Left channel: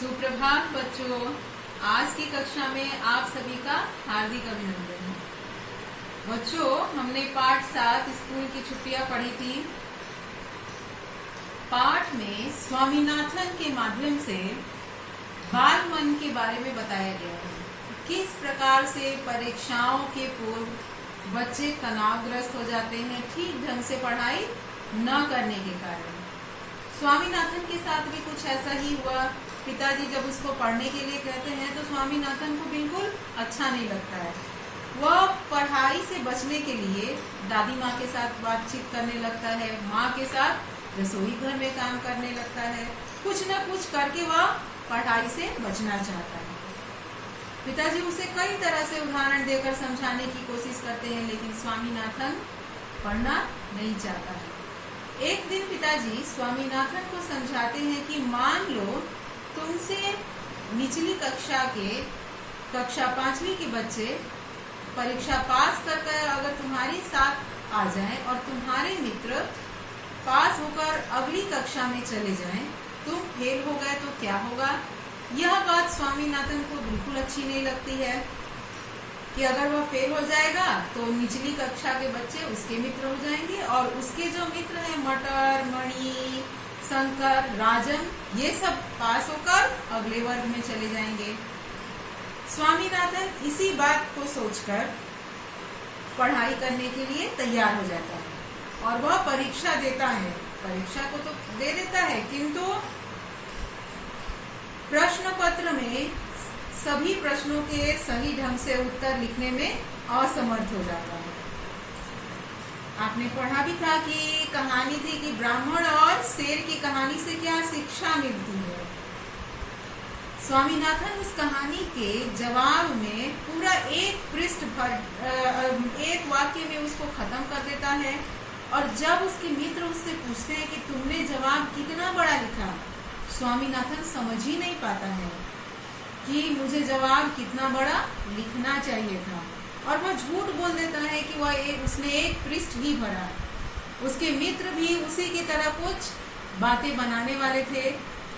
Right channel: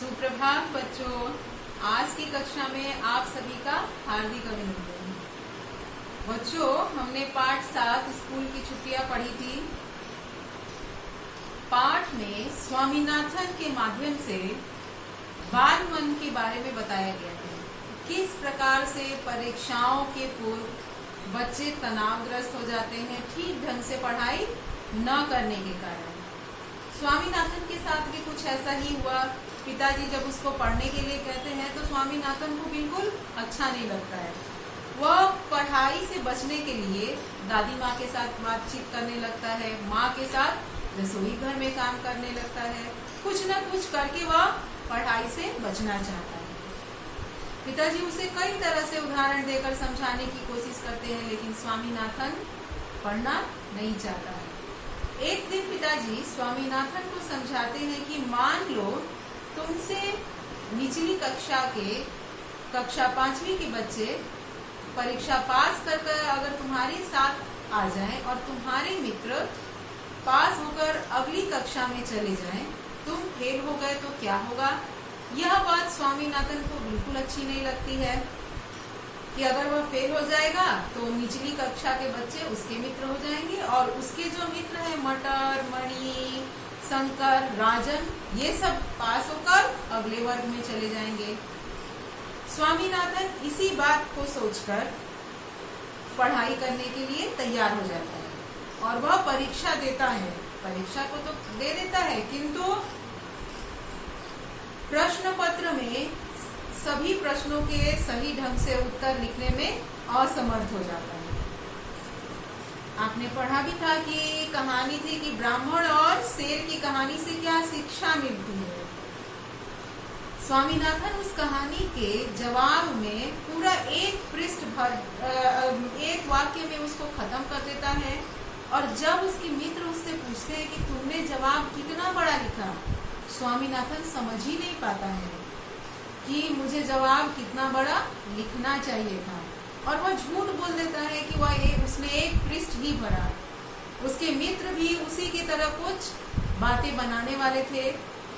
सुप्रभात बच्चों, आज की कक्षा में आप सभी का हार्दिक अभिनंदन। बच्चों, हमने पाठ 7 स्कूल की छुट्टियां पढ़ी थी। पाठ में स्वामीनाथन के माध्यम से बाल मन के बारे में बताया गया है। किस प्रकार से परीक्षाओं के पूर्व बच्चे तनावग्रस्त हो जाते हैं ठीक ढंग से पढ़ाई न करने के कारण। स्वामीनाथन के साथ भी कुछ ऐसा ही हुआ। पिताजी जब उसको पढ़ने के लिए कहते हैं तो स्वामीनाथन को बिल्कुल अच्छा नहीं लगता है। वह पढ़ाई से बचने के लिए दादी माँ के साथ बातचीत करने लगता है, माँ के साथ रसोई घर में काम करने लगता है। कुछ न कुछ करके वह पढ़ाई से बचना चाहता है। पिताजी उसे कई तरह से उदाहरण देकर समझाने की कोशिश करते हैं, लेकिन स्वामीनाथन पढ़ना नहीं चाहता है। एक दिन पिताजी स्वामीनाथन को समझाते हैं कि मान लो तुमसे निचली कक्षा 5वीं के बच्चे परीक्षा पास कर अगर तुम्हारे साथ आ जाएं और तुम्हारे मित्र पास होकर अगली कक्षा में चले जाएं, तुम फेल हो गए तो क्या होगा। यह बात स्वामीनाथन को बिल्कुल अच्छी नहीं लगती है कि अगर वह फेल हो जाएगा तो निचली कक्षा के बच्चे उसके मित्र हो जाएंगे और उसके जो मित्र हैं मटर, मणि, शंकर, राजन, ये सब पास होकर अगले वर्ग में चले जाएंगे। स्वामीनाथन इसी बात को सोचकर पढ़ाई करने के लिए तैयार हो जाता है और वह परीक्षा देता है। परीक्षा को तो दे देता है, किंतु प्रश्न पत्र में सभी प्रश्नों के सही ढंग से उत्तर लिखने में असमर्थ हो जाता है। आपने पढ़ा भी था कि कहानी थी कि ब्राह्मण और शेर की कहानी से क्या शिक्षा मिलती है। स्वामीनाथन उस कहानी के जवाब में पूरा एक पृष्ठ भर एक वाक्य में उसको खत्म कर देता है और जब उसके मित्र उससे पूछते हैं कि तुमने जवाब कितना बड़ा लिखा, स्वामीनाथन समझ ही नहीं पाता है कि मुझे जवाब कितना बड़ा लिखना चाहिए था और वह झूठ बोल देता है कि उसने एक पृष्ठ ही भरा। उसके मित्र भी उसी की तरह कुछ बातें बनाने वाले थे।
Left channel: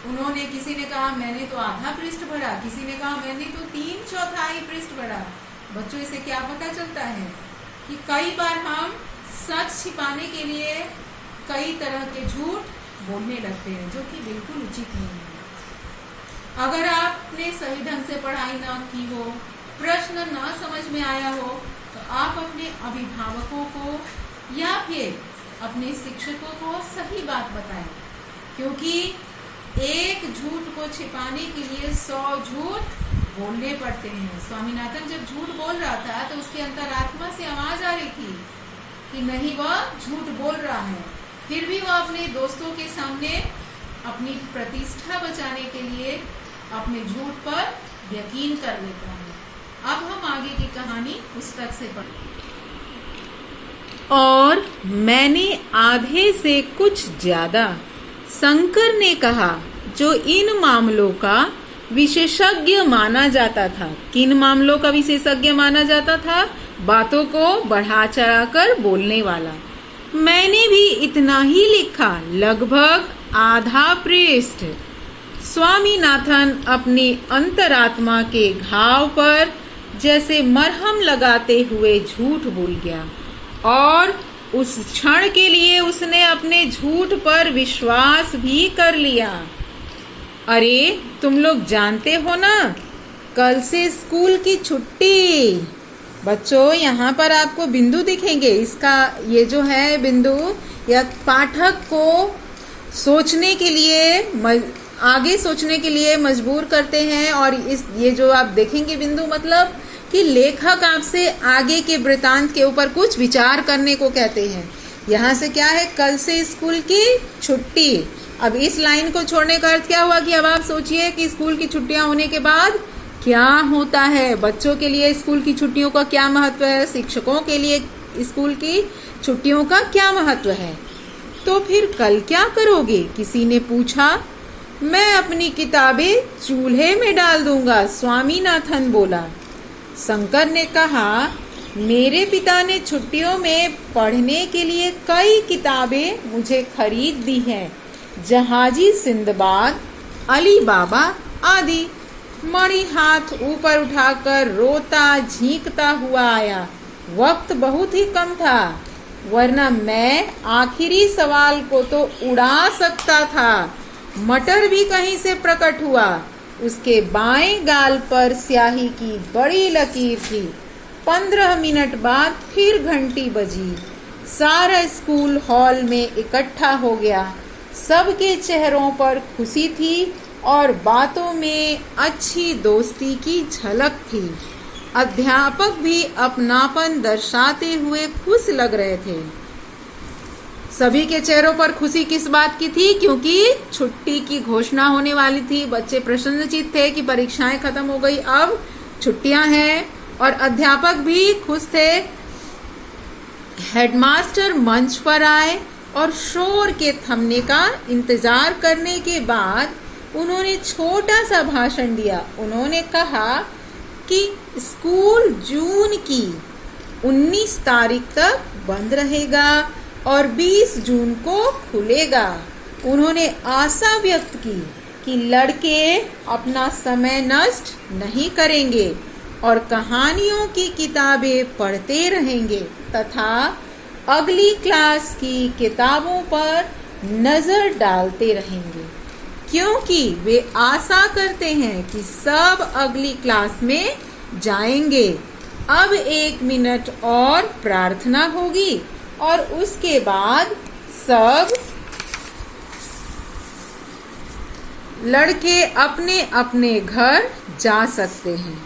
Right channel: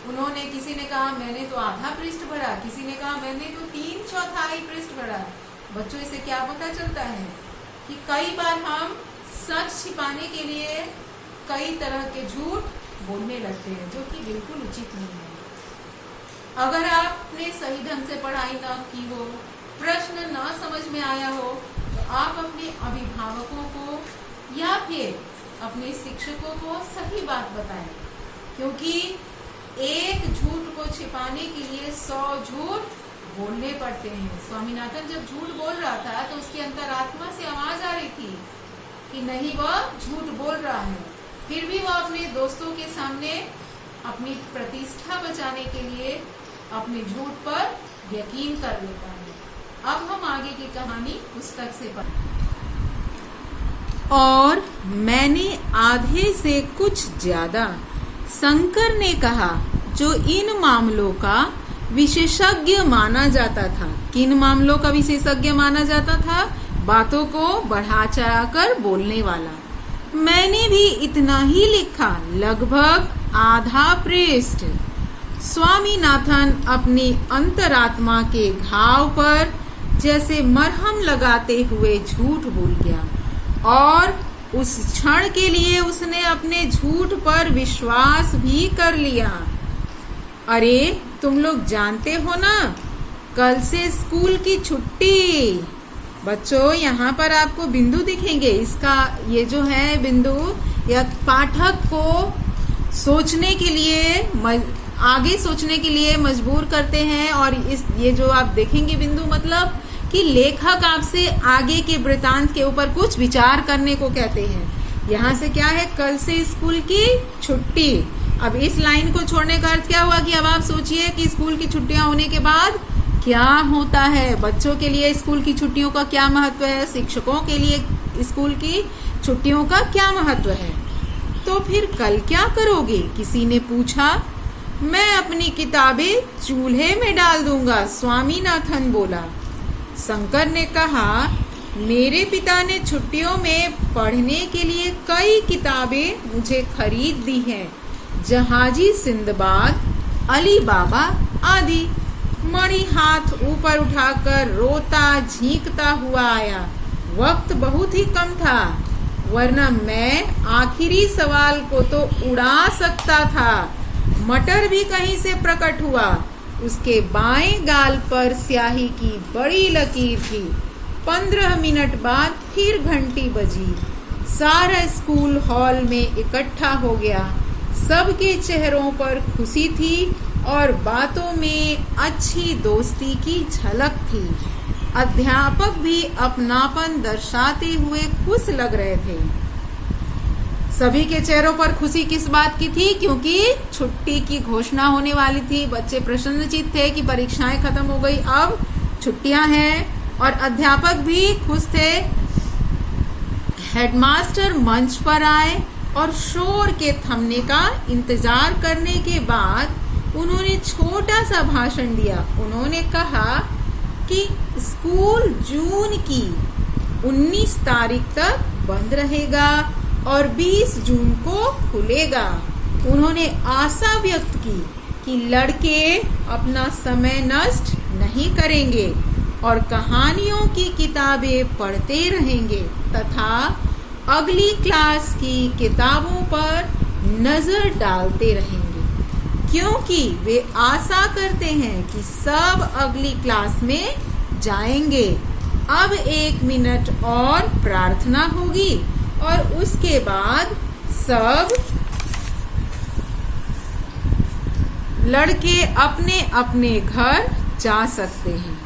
उन्होंने किसी ने कहा मैंने तो आधा पृष्ठ भरा, किसी ने कहा मैंने तो 3/4 पृष्ठ भरा। बच्चों, इसे क्या पता चलता है कि कई बार हम सच छिपाने के लिए कई तरह के झूठ बोलने लगते हैं, जो कि बिल्कुल उचित नहीं है। अगर आपने सही ढंग से पढ़ाई न की हो, प्रश्न न समझ में आया हो, तो आप अपने अभिभावकों को या फिर अपने शिक्षकों को सही बात बताएं, क्योंकि एक झूठ को छिपाने के लिए 100 झूठ बोलने पड़ते हैं। स्वामीनाथन जब झूठ बोल रहा था तो उसकी अंतरात्मा से आवाज आ रही थी कि नहीं, वह झूठ बोल रहा है। फिर भी वह अपने दोस्तों के सामने अपनी प्रतिष्ठा बचाने के लिए अपने झूठ पर यकीन कर लेता है। अब हम आगे की कहानी पुस्तक से पढ़ें। और मैंने आधे से कुछ ज्यादा, शंकर ने कहा, जो इन मामलों का विशेषज्ञ माना जाता था। किन मामलों का विशेषज्ञ माना जाता था? बातों को बढ़ा चढ़ाकर बोलने वाला। मैंने भी इतना ही लिखा, लगभग आधा पृष्ठ। स्वामीनाथन अपनी अंतरात्मा के घाव पर जैसे मरहम लगाते हुए झूठ बोल गया और उस क्षण के लिए उसने अपने झूठ पर विश्वास भी कर लिया। अरे, तुम लोग जानते हो ना, कल से स्कूल की छुट्टी। बच्चों, यहाँ पर आपको बिंदु दिखेंगे। इसका ये जो है बिंदु, या पाठक को सोचने के लिए, आगे सोचने के लिए मजबूर करते हैं। और ये जो आप देखेंगे बिंदु, मतलब कि लेखक आपसे आगे के वृतांत के ऊपर कुछ विचार करने को कहते हैं। यहाँ से क्या है? कल से स्कूल की छुट्टी। अब इस लाइन को छोड़ने का अर्थ क्या हुआ कि अब आप सोचिए कि स्कूल की छुट्टियां होने के बाद क्या होता है। बच्चों के लिए स्कूल की छुट्टियों का क्या महत्व है, शिक्षकों के लिए स्कूल की छुट्टियों का क्या महत्व है। तो फिर कल क्या करोगे? किसी ने पूछा। मैं अपनी किताबें चूल्हे में डाल दूंगा, स्वामीनाथन बोला। शंकर ने कहा, मेरे पिता ने छुट्टियों में पढ़ने के लिए कई किताबें मुझे खरीद दी हैं। जहाजी सिंदबाद, अली बाबा आदि। मणि हाथ ऊपर उठाकर रोता झींकता हुआ आया। वक्त बहुत ही कम था, वरना मैं आखिरी सवाल को तो उड़ा सकता था। मटर भी कहीं से प्रकट हुआ। उसके बाएं गाल पर स्याही की बड़ी लकीर थी। 15 मिनट बाद फिर घंटी बजी। सारा स्कूल हॉल में इकट्ठा हो गया। सबके चेहरों पर खुशी थी और बातों में अच्छी दोस्ती की झलक थी। अध्यापक भी अपनापन दर्शाते हुए खुश लग रहे थे। सभी के चेहरों पर खुशी किस बात की थी? क्योंकि छुट्टी की घोषणा होने वाली थी। बच्चे प्रसन्नचित्त थे कि परीक्षाएं खत्म हो गई, अब छुट्टियां हैं, और अध्यापक भी खुश थे। हेडमास्टर मंच पर आए और शोर के थमने का इंतजार करने के बाद उन्होंने छोटा सा भाषण दिया। उन्होंने कहा कि स्कूल जून की 19 तारीख तक बंद रहेगा और 20 जून को खुलेगा। उन्होंने आशा व्यक्त की कि लड़के अपना समय नष्ट नहीं करेंगे और कहानियों की किताबें पढ़ते रहेंगे तथा अगली क्लास की किताबों पर नजर डालते रहेंगे, क्योंकि वे आशा करते हैं कि सब अगली क्लास में जाएंगे। अब 1 मिनट और प्रार्थना होगी और उसके बाद सब लड़के अपने अपने घर जा सकते हैं।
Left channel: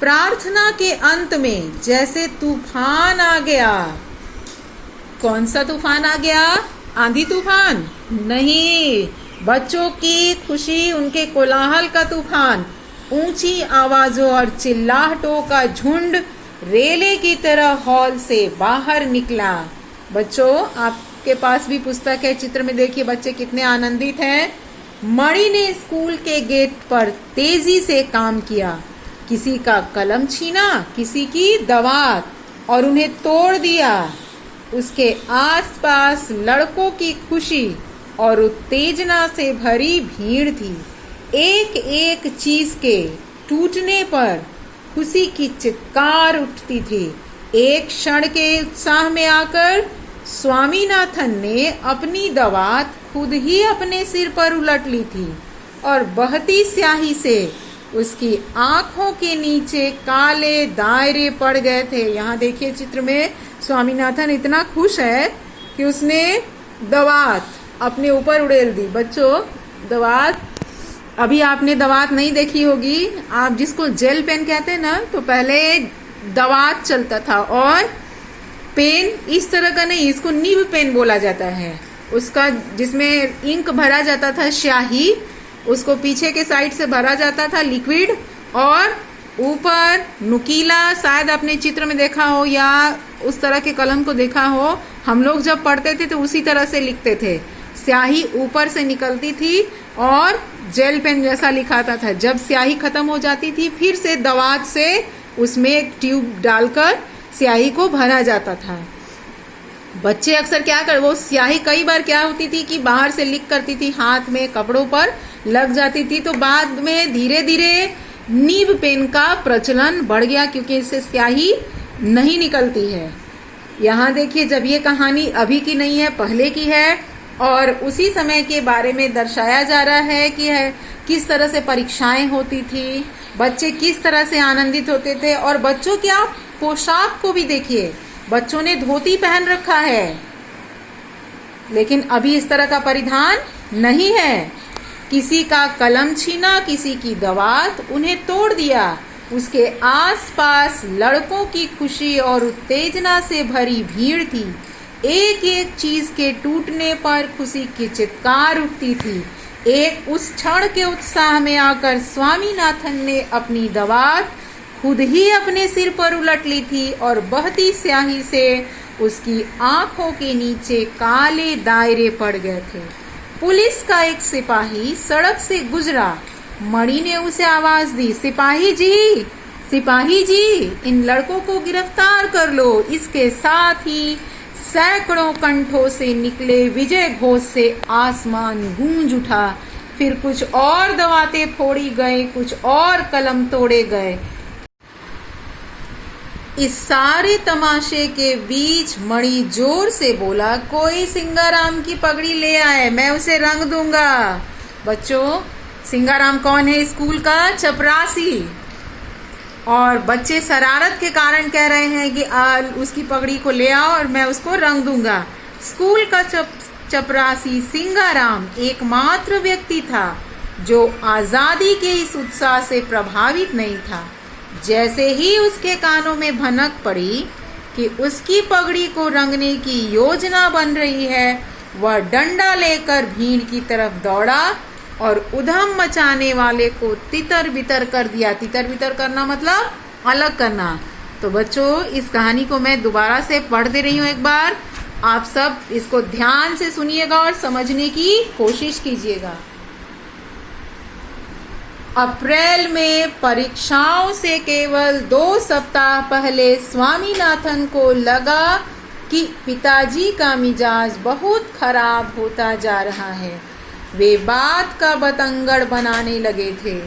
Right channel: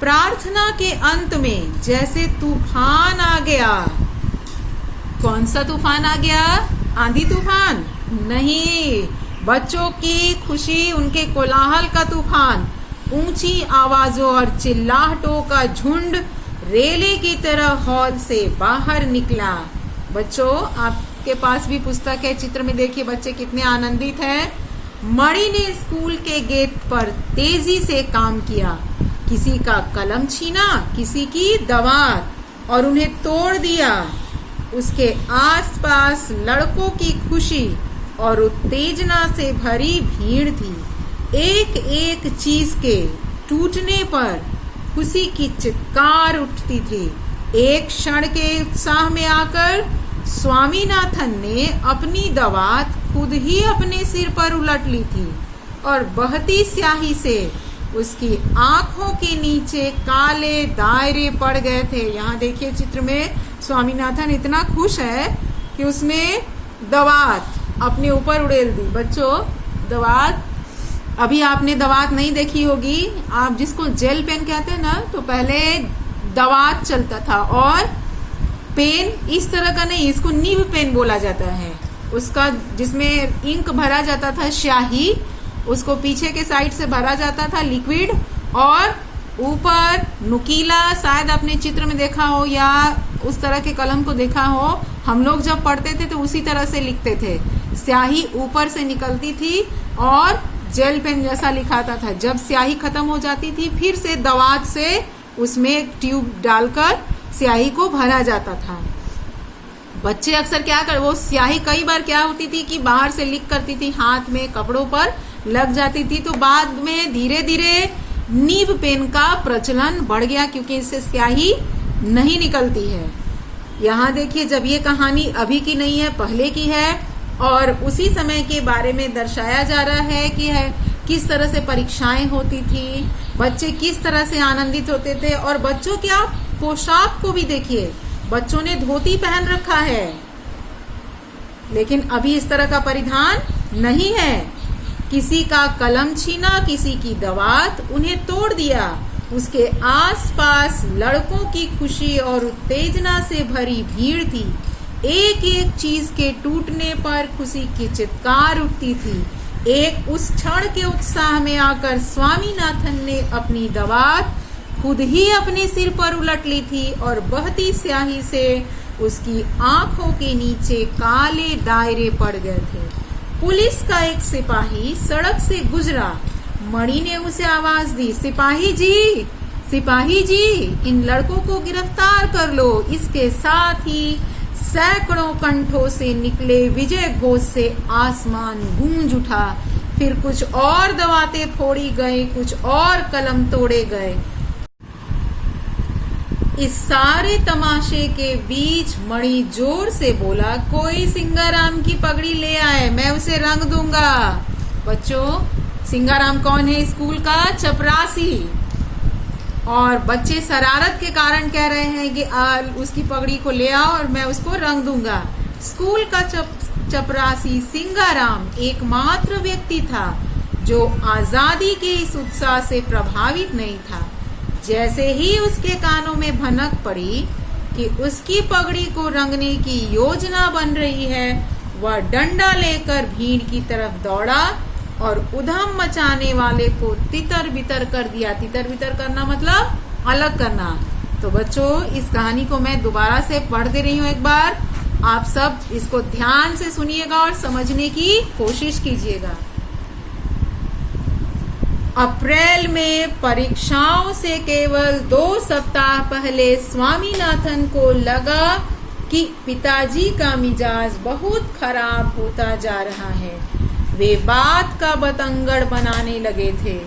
प्रार्थना के अंत में जैसे तूफान आ गया। कौन सा तूफान आ गया? आंधी तूफान नहीं, बच्चों की खुशी, उनके कोलाहल का तूफान। ऊंची आवाजों और चिल्लाहटों का झुंड रेले की तरह हॉल से बाहर निकला। बच्चों, आपके पास भी पुस्तक है, चित्र में देखिए बच्चे कितने आनंदित हैं। मणि ने स्कूल के गेट पर तेजी से काम किया। किसी का कलम छीना, किसी की दवात, और उन्हें तोड़ दिया। उसके आसपास लड़कों की खुशी और उत्तेजना से भरी भीड़ थी। एक एक चीज के टूटने पर खुशी की चित्कार उठती थी। एक क्षण के उत्साह में आकर स्वामीनाथन ने अपनी दवात खुद ही अपने सिर पर उलट ली थी और बहती स्याही से उसकी आंखों के नीचे काले दायरे पड़ गए थे। यहाँ देखिए चित्र में स्वामीनाथन इतना खुश है कि उसने दवात अपने ऊपर उड़ेल दी। बच्चों, दवात, अभी आपने दवात नहीं देखी होगी। आप जिसको जेल पेन कहते हैं ना, तो पहले दवात चलता था और पेन इस तरह का नहीं, इसको निब पेन बोला जाता है। उसका जिसमें इंक भरा जाता था, स्याही, उसको पीछे के साइड से भरा जाता था लिक्विड, और ऊपर नुकीला, शायद आपने चित्र में देखा हो या उस तरह के कलम को देखा हो। हम लोग जब पढ़ते थे तो उसी तरह से लिखते थे। स्याही ऊपर से निकलती थी और जेल पेन जैसा लिखाता था। जब स्याही खत्म हो जाती थी, फिर से दवात से उसमें ट्यूब डालकर स्याही को भरा जाता था। बच्चे अक्सर क्या कर, वो स्याही कई बार क्या होती थी कि बाहर से लीक करती थी, हाथ में, कपड़ों पर लग जाती थी। तो बाद में धीरे धीरे नीब पेन का प्रचलन बढ़ गया, क्योंकि इससे स्याही नहीं निकलती है। यहाँ देखिए, जब ये कहानी अभी की नहीं है, पहले की है, और उसी समय के बारे में दर्शाया जा रहा है कि किस तरह से परीक्षाएं होती थी, बच्चे किस तरह से आनंदित होते थे। और बच्चों के आप पोशाक को भी देखिए, बच्चों ने धोती पहन रखा है, लेकिन अभी इस तरह का परिधान नहीं है। किसी का कलम छीना, किसी की दवात, उन्हें तोड़ दिया। उसके आसपास लड़कों की खुशी और उत्तेजना से भरी भीड़ थी। एक एक चीज के टूटने पर खुशी की चित्कार उठती थी। एक उस क्षण के उत्साह में आकर स्वामीनाथन ने अपनी दवात खुद ही अपने सिर पर उलट ली थी और बहती स्याही से उसकी आंखों के नीचे काले दायरे पड़ गए थे। पुलिस का एक सिपाही सड़क से गुजरा। मणि ने उसे आवाज दी, सिपाही जी, सिपाही जी, इन लड़कों को गिरफ्तार कर लो। इसके साथ ही सैकड़ों कंठों से निकले विजय घोष से आसमान गूंज उठा। फिर कुछ और दवाते फोड़ी गए, कुछ और कलम तोड़े गए। इस सारे तमाशे के बीच मणि जोर से बोला, कोई सिंगाराम की पगड़ी ले आए, मैं उसे रंग दूंगा। बच्चों, सिंगाराम कौन है? स्कूल का चपरासी। और बच्चे शरारत के कारण कह रहे हैं कि उसकी पगड़ी को ले आओ और मैं उसको रंग दूंगा। स्कूल का चपरासी सिंगाराम एकमात्र व्यक्ति था जो आजादी के इस उत्साह से प्रभावित नहीं था। जैसे ही उसके कानों में भनक पड़ी कि उसकी पगड़ी को रंगने की योजना बन रही है, वह डंडा लेकर भीड़ की तरफ दौड़ा और उधम मचाने वाले को तितर बितर कर दिया। तितर बितर करना मतलब अलग करना। तो बच्चों, इस कहानी को मैं दोबारा से पढ़ दे रही हूँ एक बार। आप सब इसको ध्यान से सुनिएगा और समझने की कोशिश कीजिएगा। अप्रैल में परीक्षाओं से केवल 2 सप्ताह पहले स्वामीनाथन को लगा कि पिताजी का मिजाज बहुत खराब होता जा रहा है। वे बात का बतंगड़ बनाने लगे थे,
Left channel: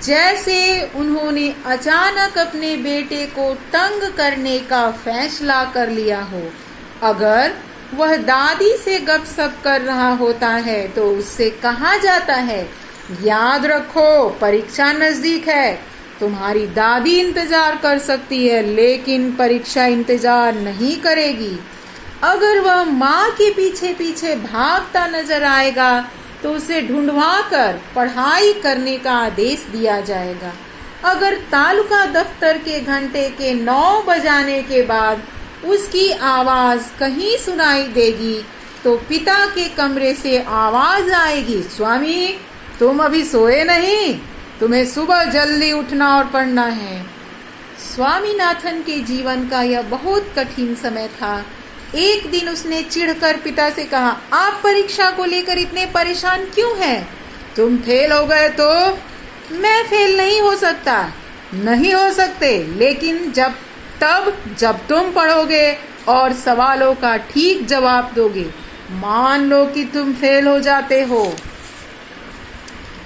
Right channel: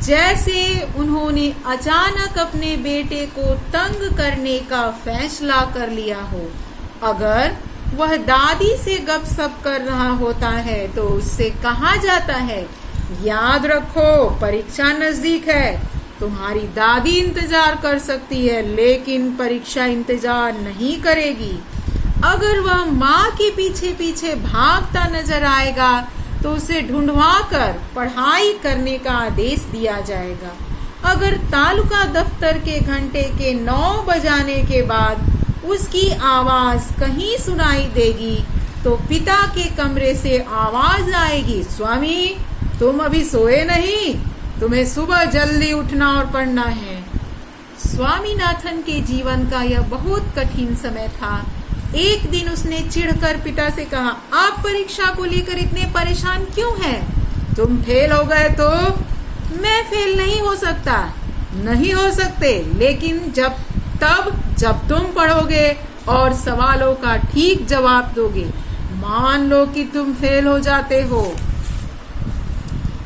जैसे उन्होंने अचानक अपने बेटे को तंग करने का फैसला कर लिया हो। अगर वह दादी से गपशप कर रहा होता है तो उससे कहा जाता है, याद रखो परीक्षा नजदीक है, तुम्हारी दादी इंतजार कर सकती है लेकिन परीक्षा इंतजार नहीं करेगी। अगर वह माँ के पीछे पीछे भागता नजर आएगा तो उसे ढूंढवा कर पढ़ाई करने का आदेश दिया जाएगा। अगर तालुका दफ्तर के घंटे के 9 बजाने के बाद उसकी आवाज कहीं सुनाई देगी तो पिता के कमरे से आवाज आएगी, स्वामी तुम अभी सोए नहीं, तुम्हें सुबह जल्दी उठना और पढ़ना है। स्वामीनाथन के जीवन का यह बहुत कठिन समय था। एक दिन उसने चिढ़कर पिता से कहा, आप परीक्षा को लेकर इतने परेशान क्यों हैं? तुम फेल हो गए तो मैं फेल नहीं हो सकता। नहीं हो सकते, लेकिन जब तुम पढ़ोगे और सवालों का ठीक जवाब दोगे। मान लो कि तुम फेल हो जाते हो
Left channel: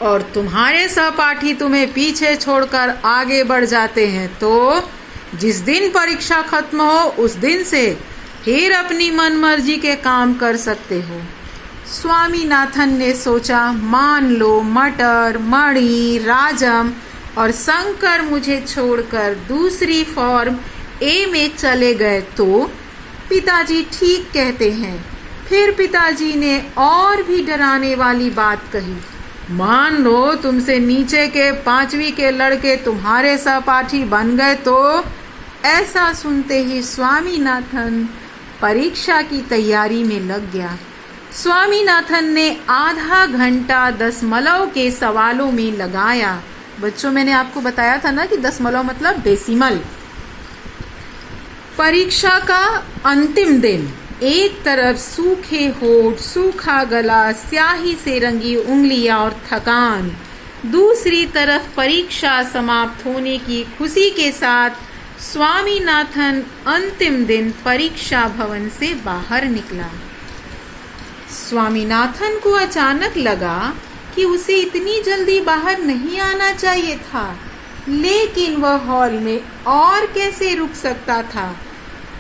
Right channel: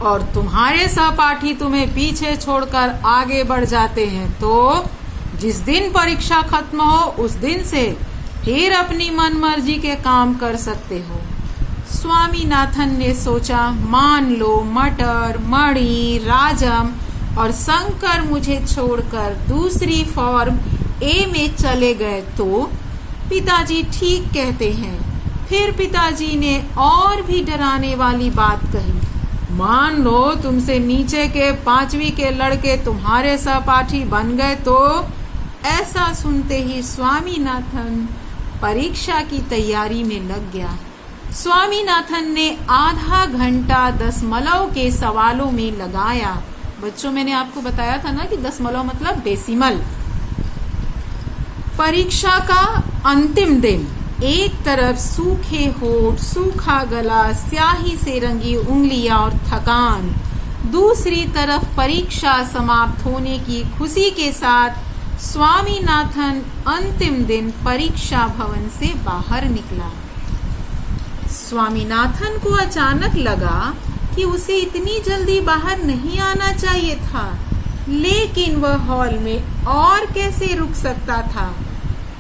और तुम्हारे सहपाठी तुम्हें पीछे छोड़कर आगे बढ़ जाते हैं, तो जिस दिन परीक्षा खत्म हो उस दिन से फिर अपनी मनमर्जी के काम कर सकते हो। स्वामीनाथन ने सोचा, मान लो मटर, मणि, राजम और शंकर मुझे छोड़कर दूसरी फॉर्म ए में चले गए तो पिताजी ठीक कहते हैं। फिर पिताजी ने और भी डराने वाली बात कही, मान लो तुमसे नीचे के 5वीं के लड़के तुम्हारे सहपाठी बन गए तो। ऐसा सुनते ही स्वामीनाथन परीक्षा की तैयारी में लग गया। स्वामीनाथन ने आधा घंटा दशमलव के सवालों में लगाया। बच्चों, मैंने आपको बताया था ना कि दशमलव मतलब डेसिमल। परीक्षा का अंतिम दिन, एक तरफ सूखे होठ, सूखा गला, स्याही से रंगी उंगलियां और थकान, दूसरी तरफ परीक्षा समाप्त होने की खुशी के साथ स्वामीनाथन अंतिम दिन परीक्षा भवन से बाहर निकला। स्वामीनाथन को अचानक लगा कि उसे इतनी जल्दी बाहर नहीं आना चाहिए था, लेकिन वह हॉल में और कैसे रुक सकता था।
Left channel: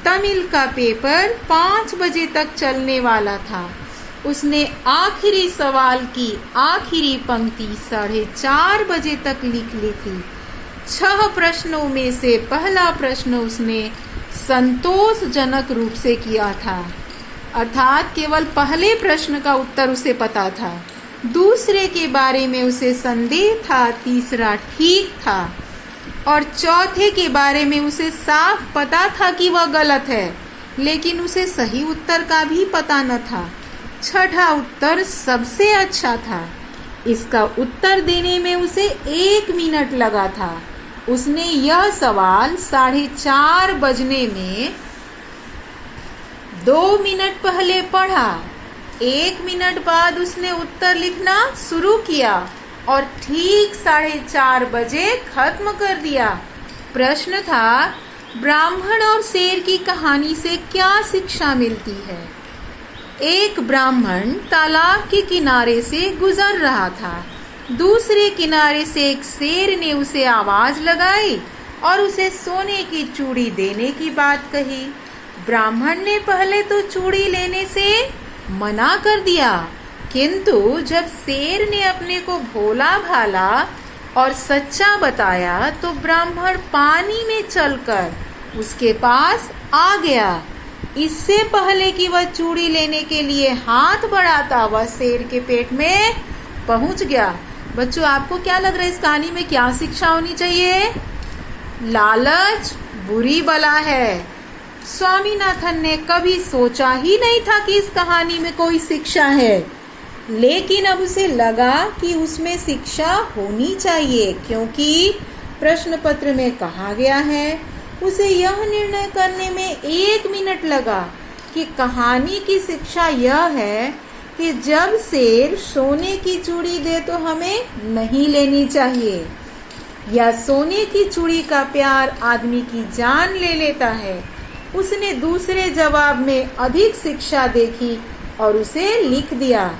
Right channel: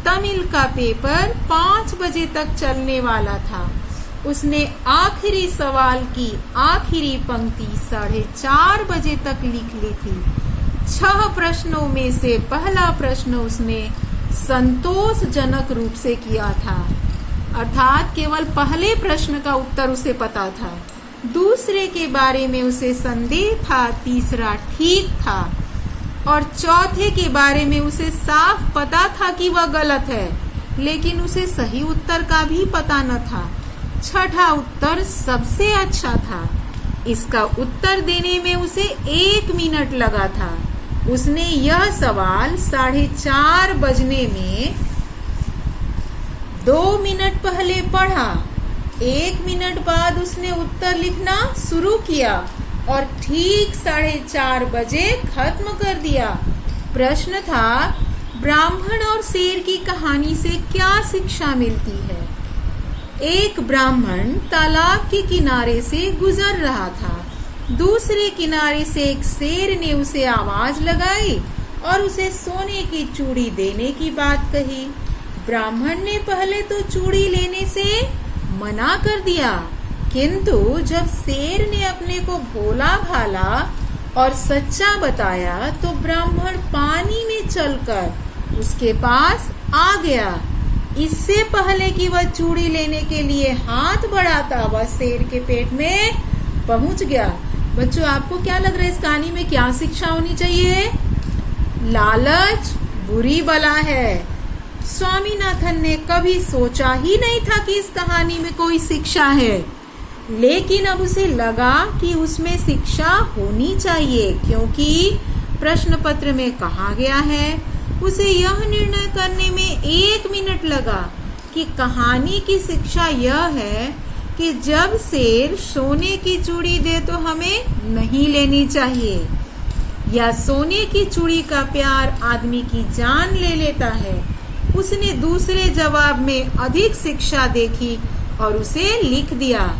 तमिल का पेपर 5 बजे तक चलने वाला था। उसने आखिरी सवाल की आखिरी पंक्ति 4:30 बजे तक लिख ली थी। 6 प्रश्नों में से पहला प्रश्न उसने संतोषजनक रूप से किया था, अर्थात केवल पहले प्रश्न का उत्तर उसे पता था। दूसरे के बारे में उसे संदेह था, तीसरा ठीक था और चौथे के बारे में उसे साफ पता था कि वह गलत है, लेकिन उसे सही उत्तर का भी पता न था। छठा उत्तर सबसे अच्छा था। इसका उत्तर देने में उसे 1 मिनट लगा था। उसने यह सवाल 4:30 बजने में 2 मिनट पहले पढ़ा। 1 मिनट बाद उसने उत्तर लिखना शुरू किया और ठीक 4:30 बजे खत्म कर दिया। प्रश्न था, ब्राह्मण और शेर की कहानी से क्या शिक्षा मिलती है? एक ब्राह्मण तालाब के किनारे से गुजर रहा था। दूसरे किनारे से एक शेर ने उसे आवाज लगाई और उसे सोने की चूड़ी देने की बात कही। ब्राह्मण ने पहले तो चूड़ी लेने से मना कर दिया, किंतु जब शेर ने अपने को भोला भाला और सच्चा बताया तो ब्राह्मण पानी में चलकर उसके पास आ गया। इससे पहले कि वह चूड़ी लेने के लिए हाथ बढ़ाता वह शेर के पेट में पहुंच गया। बच्चों, आपको क्या लग रहा है इस कहानी में क्या शिक्षा होनी चाहिए? लालच बुरी बला है। स्वामीनाथन ने कभी सोचा ही नहीं था कि इस कहानी में कोई शिक्षा है, लेकिन अब उसे लगा कि उसमें शिक्षा होनी चाहिए, क्योंकि प्रश्न पत्र में कहा गया है। उसे यह निर्णय करने में 1 मिनट लगा कि कहानी की शिक्षा यह है कि जब शेर सोने की चूड़ी दे तो हमें नहीं लेनी चाहिए, या सोने की चूड़ी का प्यार आदमी की जान ले लेता है। उसने दूसरे जवाब में अधिक शिक्षा देखी और उसे लिख दिया।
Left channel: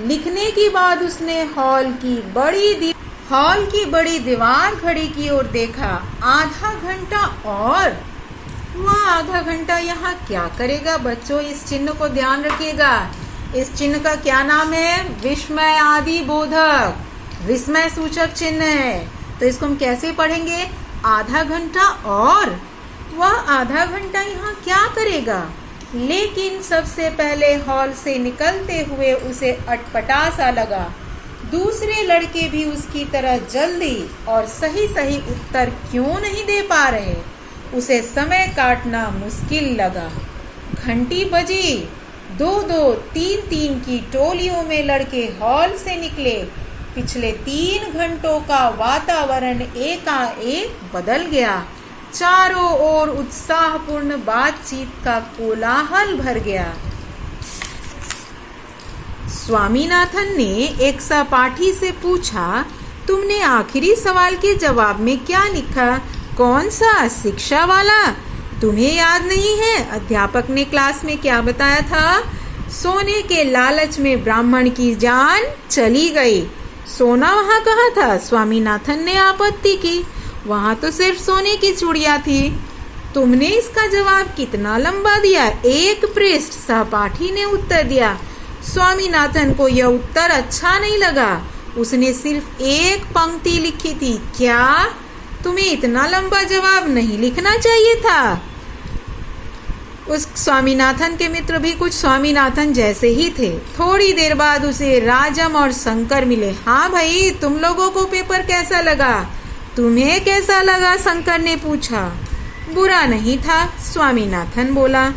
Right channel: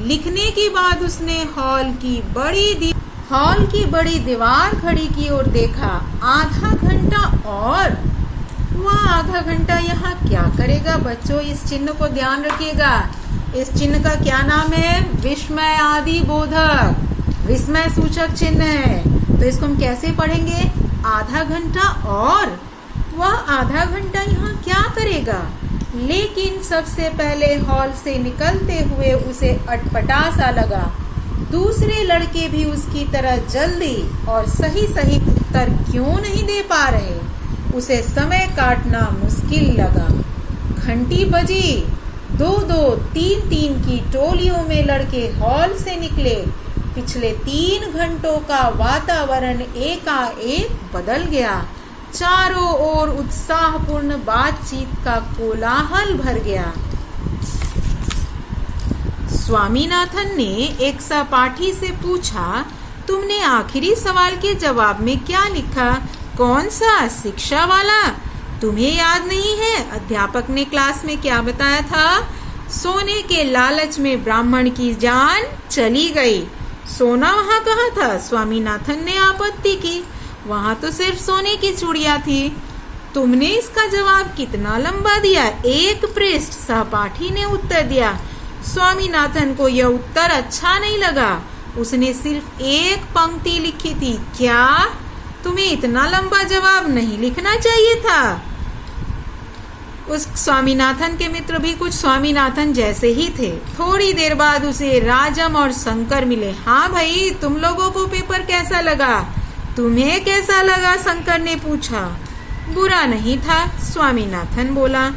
लिखने के बाद उसने हॉल की बड़ी दीवार घड़ी की ओर देखा। आधा घंटा और? वह आधा घंटा यहाँ क्या करेगा? बच्चों, इस चिन्ह को ध्यान रखिएगा। इस चिन्ह का क्या नाम है? विस्मय आदि बोधक, विस्मय सूचक चिन्ह है। तो इसको हम कैसे पढ़ेंगे? आधा घंटा और? वह आधा घंटा यहाँ क्या करेगा? लेकिन सबसे पहले हॉल से निकलते हुए उसे अटपटा सा लगा। दूसरे लड़के भी उसकी तरह जल्दी और सही उत्तर क्यों नहीं दे पा रहे? उसे समय काटना मुश्किल लगा। घंटी बजी। 2-2, 3-3 की टोलियों में लड़के हॉल से निकले। पिछले 3 घंटों का वातावरण एकाएक बदल गया। चारों ओर उत्साहपूर्ण बातचीत का कोलाहल भर गया। स्वामीनाथन ने एक सहपाठी से पूछा, तुमने आखिरी सवाल के जवाब में क्या लिखा? कौन सा? शिक्षा वाला? तुम्हें याद नहीं है अध्यापक ने क्लास में क्या बताया था? सोने के लालच में ब्राह्मण की जान चली गई। सोना वहाँ कहाँ था? स्वामीनाथन ने आपत्ति की। वहाँ तो सिर्फ सोने की चूड़ियाँ थी। तुमने इसका जवाब कितना लंबा दिया? 1 पृष्ठ। सहपाठी ने उत्तर दिया। स्वामीनाथन को यह उत्तर अच्छा नहीं लगा। उसने सिर्फ 1 पंक्ति लिखी थी। क्या? तुम्हें इतना लंबा जवाब नहीं लिखना चाहिए था? उस स्वामीनाथन के मित्र भी कुछ स्वामीनाथन जैसे ही थे। थोड़ी देर बाद उसे राजम और शंकर मिले। हाँ भाई, तुम लोगों को पेपर कैसा लगा? तुम्हें कैसा लगा? शंकर ने पूछा। बुरा नहीं था, स्वामीनाथन बोला।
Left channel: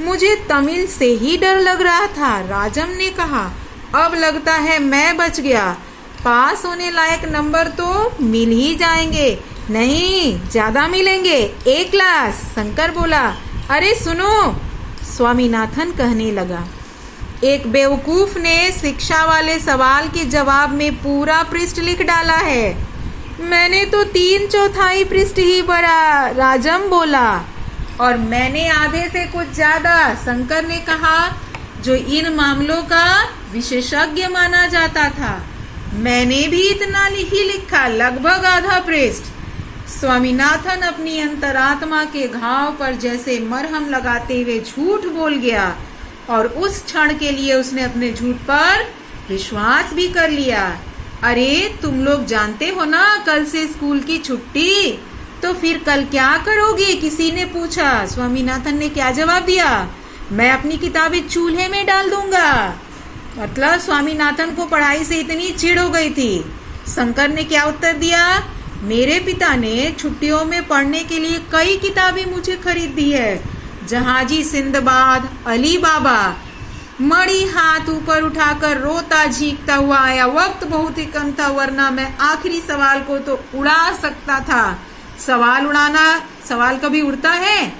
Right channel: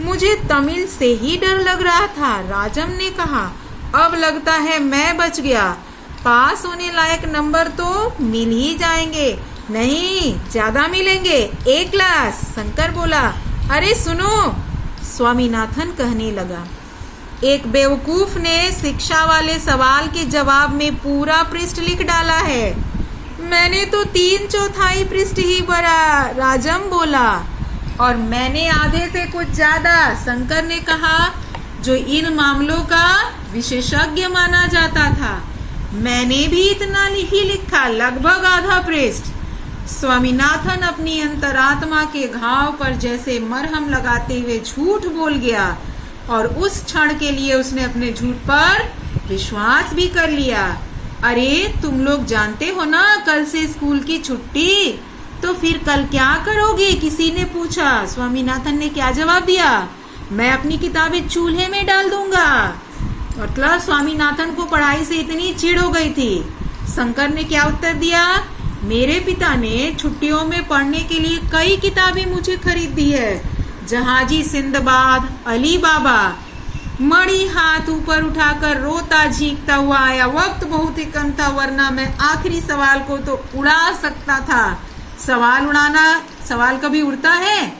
मुझे तमिल से ही डर लग रहा था, राजम ने कहा। अब लगता है मैं बच गया। पास होने लायक नंबर तो मिल ही जाएंगे। नहीं, ज्यादा मिलेंगे, A क्लास, शंकर बोला। अरे सुनो, स्वामीनाथन कहने लगा। एक बेवकूफ ने शिक्षा वाले सवाल के जवाब में पूरा पृष्ठ लिख डाला है। मैंने तो 3/4 पृष्ठ ही भरा, राजम बोला। और मैंने आधे से कुछ ज्यादा, शंकर ने कहा, जो इन मामलों का विशेषज्ञ माना जाता था। मैंने भी इतना ही लिखा, लगभग आधा पृष्ठ। स्वामीनाथन अपनी अंतरात्मा के घाव पर जैसे मरहम लगाते हुए झूठ बोल गया, और उस क्षण के लिए उसने अपने झूठ पर विश्वास भी कर लिया। अरे तुम लोग जानते हो ना, कल से स्कूल की छुट्टी, तो फिर कल क्या करोगे? किसी ने पूछा। स्वामीनाथन ने क्या जवाब दिया? मैं अपनी किताबें चूल्हे में डाल दूंगा। मतलब स्वामीनाथन को पढ़ाई से इतनी चिढ़ हो गई थी। शंकर ने क्या उत्तर दिया? मेरे पिता ने छुट्टियों में पढ़ने के लिए कई किताबें मुझे खरीद दी है। जहाजी सिंदबाद, अली बाबा। मणि हाथ ऊपर उठाकर रोता झींकता हुआ आया। वक्त बहुत ही कम था, वरना मैं आखिरी सवाल को तो उड़ा सकता था। सवाल कभी उड़ता है?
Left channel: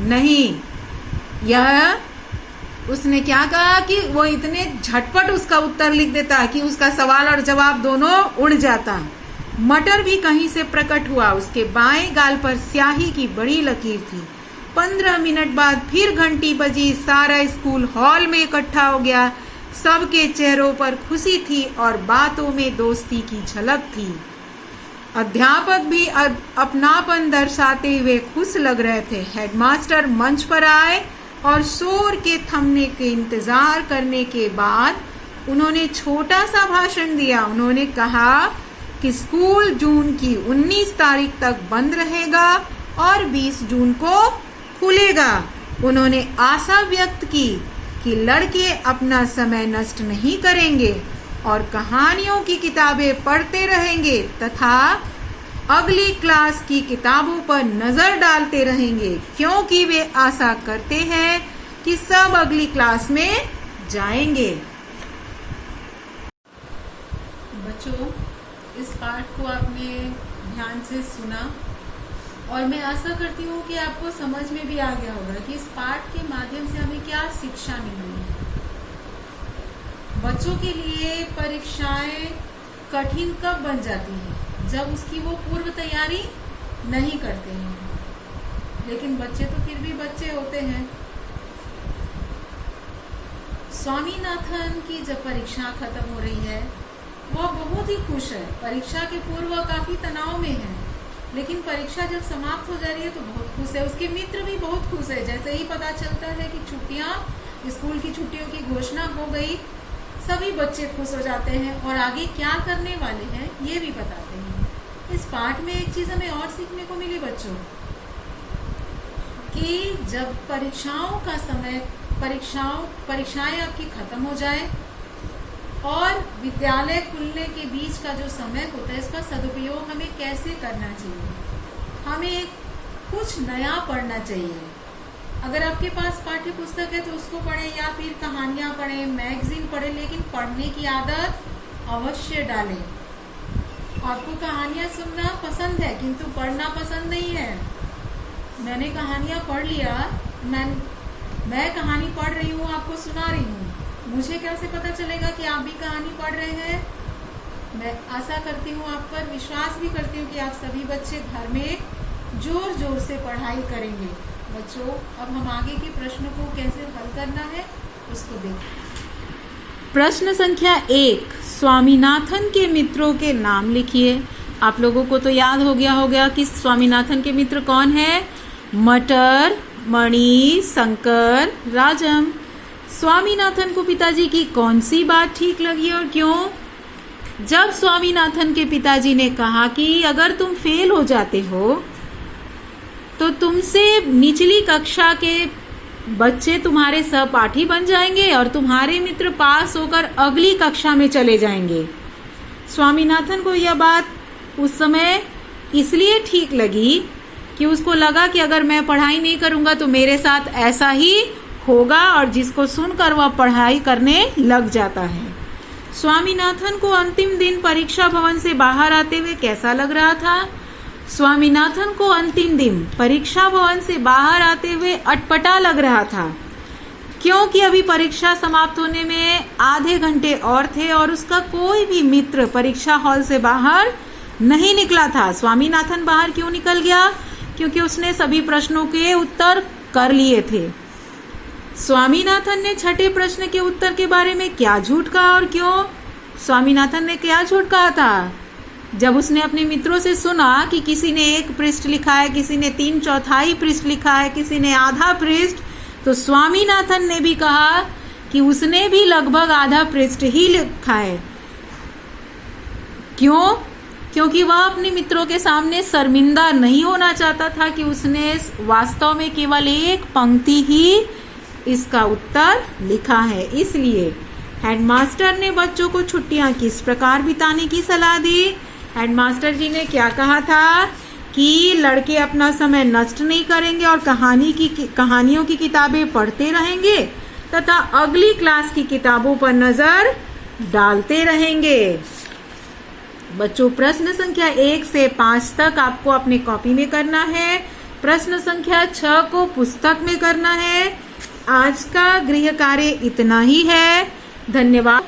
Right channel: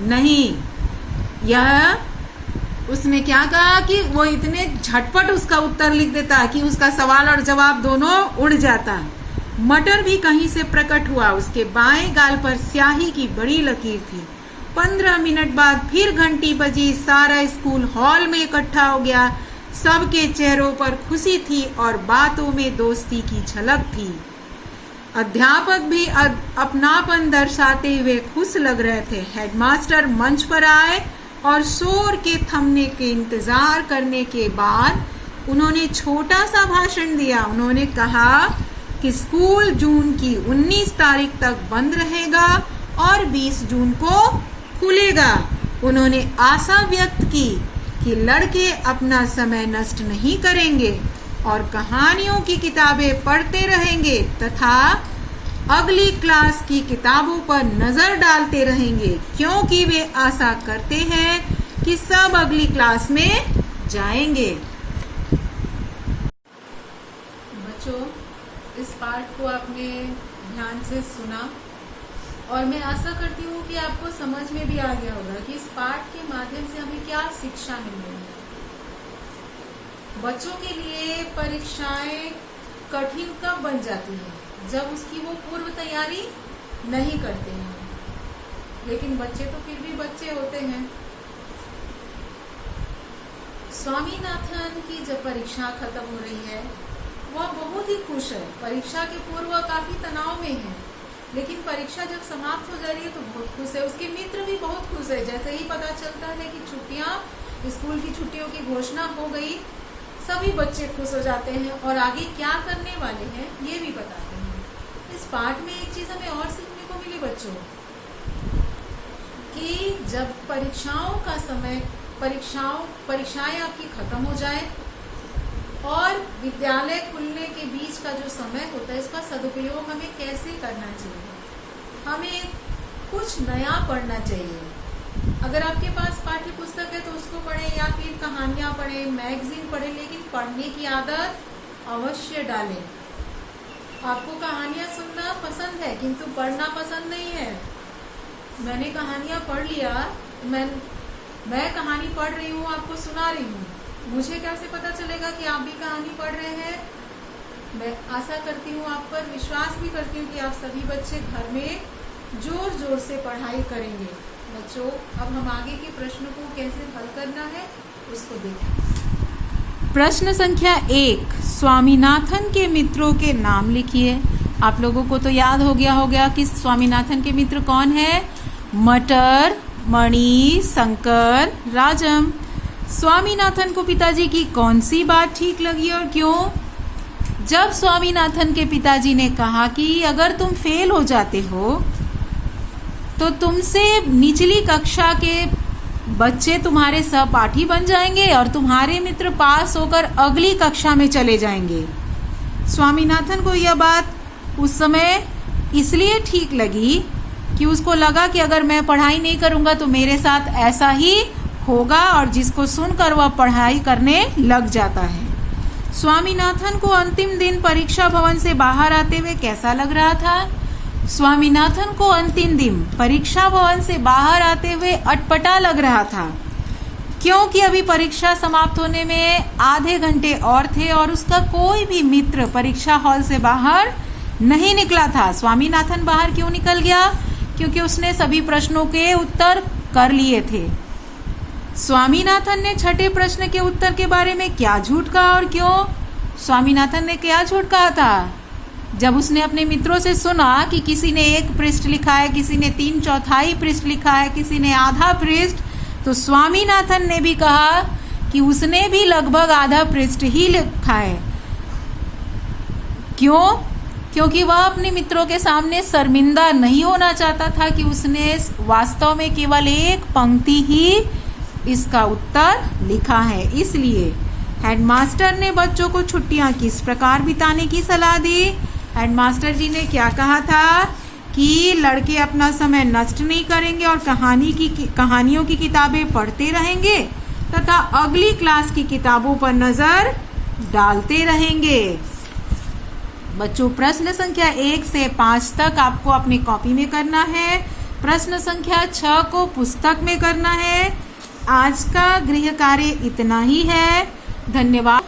नहीं। यह उसने क्या कहा कि वो इतने झटपट उसका उत्तर लिख देता कि उसका सवाल और जवाब दोनों उड़ जाता। मटर भी कहीं से प्रकट हुआ। उसके बाएं गाल पर स्याही की बड़ी लकीर थी। 15 मिनट बाद फिर घंटी बजी। सारा स्कूल हॉल में इकट्ठा हो गया। सबके चेहरों पर खुशी थी और बातों में दोस्ती की झलक थी। अध्यापक भी अपनापन दर्शाते हुए खुश लग रहे थे। हेडमास्टर मंच पर आए और शोर के थमने के इंतजार करने के बाद उन्होंने छोटा सा भाषण दिया। उन्होंने कहा कि स्कूल जून की 19 तारीख तक बंद रहेगा और 20 जून को खुलेगा। उन्होंने आशा व्यक्त की कि लड़के अपना समय नष्ट नहीं करेंगे और कहानियों की किताबें पढ़ते रहेंगे तथा अगली क्लास की किताबों पर नजर डालते रहेंगे, क्योंकि वे आशा करते हैं कि सब अगली क्लास में जाएंगे। बच्चों, इस पाठ को आपने ध्यान से सुना और मैं आशा करती हूँ कि आपको समझ में भी आ गया होगा कि इस पाठ के माध्यम से हमें क्या शिक्षा मिल रही है। बच्चों के लिए परीक्षाएं कठिन कब बन जाती है? जब उसकी वो पूर्व तैयारी नहीं करते हैं। लेकिन बच्चे तो फिर भी बच्चे होते हैं। स्वामीनाथन की जब परीक्षा खत्म हो रही है वह बहुत ही खुश है। परीक्षा के पूर्व काफी तनाव में है, लेकिन परीक्षा जब समाप्त हो जा रही है तो बहुत खुश है। उसके मित्र भी बहुत खुश है। जैसे ही पता चलता है कि छुट्टियां, स्कूल की छुट्टियों की घोषणा हो गई, सभी बच्चे खुश हो जाते हैं और आगे क्या करने वाले हैं ये भी बताते हैं। इस पाठ में एक चीज हमें और सीखने को मिली बच्चों, कि जब परीक्षाओं का समय, परीक्षाएं आपकी खत्म हो जाए और विद्यालय खुलने के बीच का जो समय होता है, इसका सदुपयोग हमें कैसे करना चाहिए। हमें कुछ नया पढ़ना चाहिए। अगर आपके पास पाठ्य पुस्तक है तो उसको पढ़ें या फिर कहानियां पढ़ें, मैगजीन पढ़ें, लेकिन पढ़ने की आदत अवश्य डालें। आपको कहानियां सुनना पसंद है किंतु पढ़ना पसंद नहीं है। मैंने कहानियां पढ़ लिया, मैं कहानी पढ़ रही हूँ, आपको सुना रही हूँ, मुझे कैसे पता चलेगा कि आप भी कहानी पढ़ रहे हैं? मैं आशा करती हूँ, आप पर विश्वास भी करती हूँ कि आप सभी बच्चे घर में जोर जोर से पढ़ाई करेंगे। बच्चों, अब हम आगे के प्रश्न को कैसे हल करना है उसको देखें। प्रश्न संख्या 1, स्वामीनाथन के मित्रों के नाम लिखिए। आप लोगों को तो याद हो गया कि स्वामीनाथन के मित्र कौन है? मटर, मणि, शंकर, राजम। स्वामीनाथन को पिताजी की कौन सी बात ठीक लगी और क्यों? जब स्वामीनाथन के पिताजी ने कहा कि अगर तुम फेल हो जाते हो तो तुमसे निचली कक्षा के बच्चे तुम्हारे सहपाठी बन जाएंगे और तुम्हारे मित्र पास होकर अगली कक्षा में चले जाएंगे। स्वामीनाथन को यह बात उस समय इसलिए ठीक लगी कि उसको लगा कि अगर मैं पढ़ाई नहीं करूंगा तो मेरे साथ ऐसा ही होगा, और जिसको सुनकर वह पढ़ाई करने लग जाता है। स्वामीनाथन को अंतिम दिन परीक्षा भवन से बाहर आते हुए कैसा लग रहा था? स्वामीनाथन को अंतिम दिन परीक्षा भवन से बाहर आते हुए अटपटा लग रहा था, क्योंकि अभी परीक्षा समाप्त होने में आधे घंटे और थे और उसका कोई भी मित्र परीक्षा हॉल से बाहर नहीं निकला था। स्वामीनाथन बाहर क्यों निकल गया? क्योंकि उसने सभी प्रश्नों के उत्तर कर लिए थे। स्वामीनाथन ने छठे प्रश्न के उत्तर के बारे में क्या झूठ कहा और क्यों? स्वामीनाथन ने क्या झूठ कहा था? जब उसने अपने मित्रों से सुना कि किसी ने 1 पृष्ठ लिखा है, किसी ने 3/4 पृष्ठ लिखा है, किसी ने आधा पृष्ठ, तो स्वामीनाथन ने भी कहा कि उसने भी लगभग आधा पृष्ठ ही लिखा है। क्यों? क्योंकि वह अपने मित्रों के सामने शर्मिंदा नहीं होना चाहता था कि उसने वास्तव में केवल 1 पंक्ति ही इसका उत्तर लिखा है। इसलिए हेडमास्टर ने बच्चों को छुट्टियां किस प्रकार बिताने की सलाह दी? हेडमास्टर जी ने क्या कहा था कि लड़के अपना समय नष्ट नहीं करेंगे और कहानियों की किताबें पढ़ते रहेंगे तथा अगली क्लास की किताबों पर नजर डालते रहेंगे। बच्चों, प्रश्न संख्या 1 से 5 तक आपको अपनी कॉपी में करना है। प्रश्न संख्या 6 को पुस्तक में करना है। आज का गृह कार्य इतना ही है। धन्यवाद।